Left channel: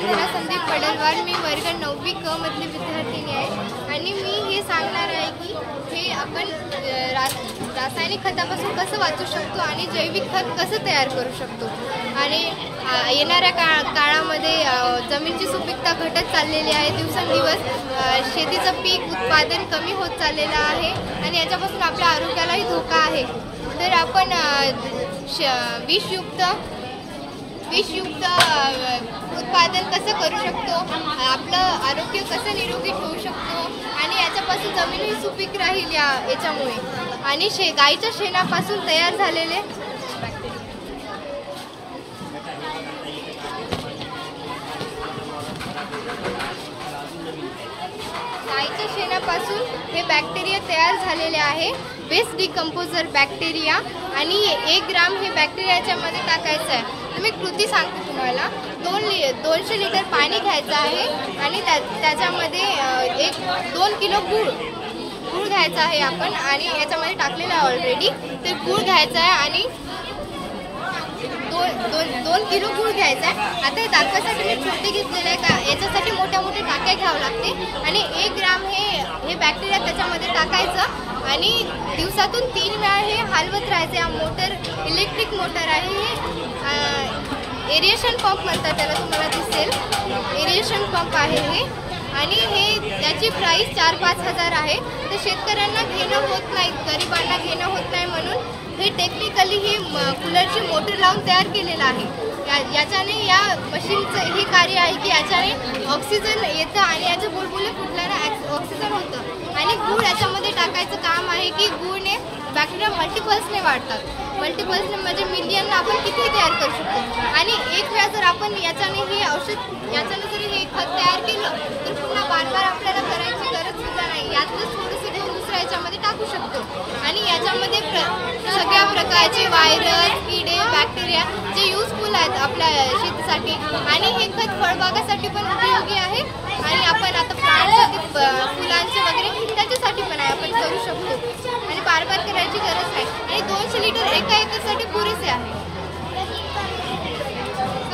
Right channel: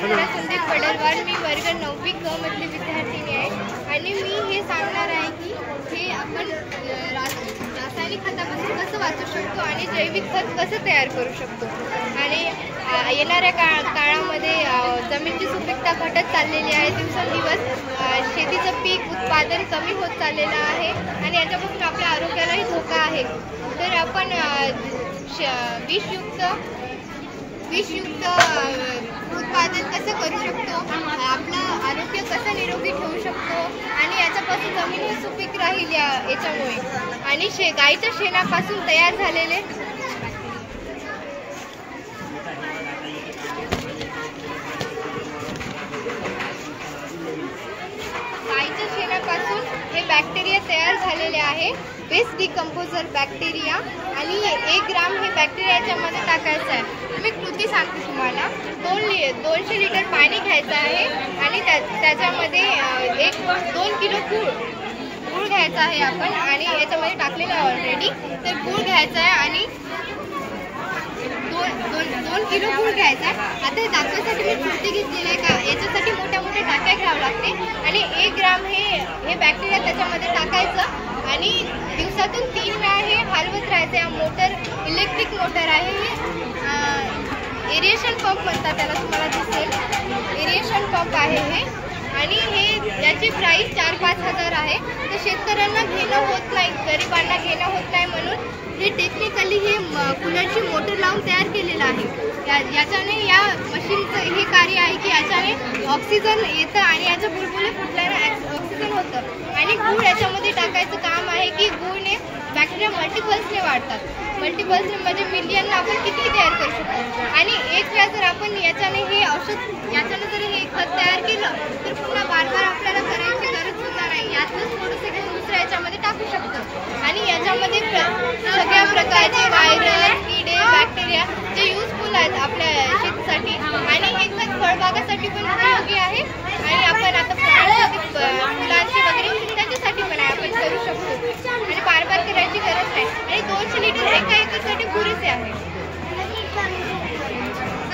वसुंधरा संदीप पडलवार, मी वर्ग 9वी क मधली विद्यार्थिनी आहे आणि मी हे सांगणार आहे की हे आपण रासायनिक खतापासून कसं वाचू शकतो आणि जैविक खत कसं तयार करू शकतो। आणि येणाऱ्या काळामध्ये जमिनीची सुपीकता घटत चाललेली आहे, दिवसेंदिवस शेतीचं पीक उत्पादन कमी होत चाललेलं आहे आणि याच्यापासून आपल्या आरोग्यालाही धोका आहे। तर आपण विषयुक्त उत्पादन कसं करू शकतो, आपलं आरोग्य कसं निरोगी ठेवू शकतो आणि याच्यापासून जमीन ही सुपीक राहील याच्यामुळे। आणि गाईच्या शेणापासून तयार झालेले हे बॅक्टेरिया तयार झालेले आहे, बेस्ट डिकम्पोजर बॅक्टेरिया। आणि 1 ग्राम हे बॅक्टेरिया याच्यामध्ये टाकायचं आहे। मी कृती सांगते तुम्हाला। 200 लिटर पाणी घ्यायचं आहे आणि त्याच्यामध्ये 2 किलो गूळ घ्यायचा आहे आपण, आणि याच्यामध्ये टाकलेलं आहे ऑलरेडी। तर गूळ घ्यायचा आहे आणि 2 किलो गूळ घ्यायचा आहे। आता हे दाखवायसाठी मी कृती घेतलेली आहे का, याच्यासाठी मोठ्या टाक्या घ्यावं लागते आणि 1 ग्राम हे बॅक्टेरिया त्याच्यामध्ये टाकायचं आणि दिवसातून 3 वेळा हे हलवत राहायचं। हा मोटर इलेक्ट्रिक मोटर आहे, एरिएशन पंप म्हणतात त्याला, तुम्हाला दिसेल एरिएशन पंप आहे हे। आणि याची प्राइस 4-5 हजार आहे। तर शेतकऱ्यांना घेणं होत नाही, गरिबांना घेणं होत नाही, म्हणून हे टेक्निकली हे कूलरची मोटर लावून तयार केलेलं आहे। याच्याने या मशीनचं हे कार्य आहे की याच्याने ऑक्सिजन येतं आणि याचं बुलबुले फुटल्यानं ऑक्सिजन होतं। आणि गूळ याच्यामध्ये टाकायचं काम आहे की गूळने बॅक्टेरिया मल्टिपल्सने वाढतात। मल्टिपल्सने म्हणजे मिलियन आपण किती तयार करू शकतो। आणि एक वेळा जर आपण याच्याने हे औषध याच्याने जर हे खत तयार केलं तर पुन्हा बार आपल्याला करायची गरज सुद्धा नाही। यातच थोडंसं घेऊन दुसऱ्या याच्यामध्ये टाकू शकतो आणि याच्यामध्ये सगळ्या प्रकारचे व्हायरस, किडे, बॅक्टेरिया जे युजफुल आहेत आपल्या शेतीसाठी। आणि हे खत फळबागासाठी पण उपयोगी आहे आणि आपण आता फुलांची वगैरे त्याच्यासाठी पण आहे, आपण करू शकतो आणि बार करायची गरज नाही। आणि 200 लिटर एका एकरसाठी पुरेसे आहे।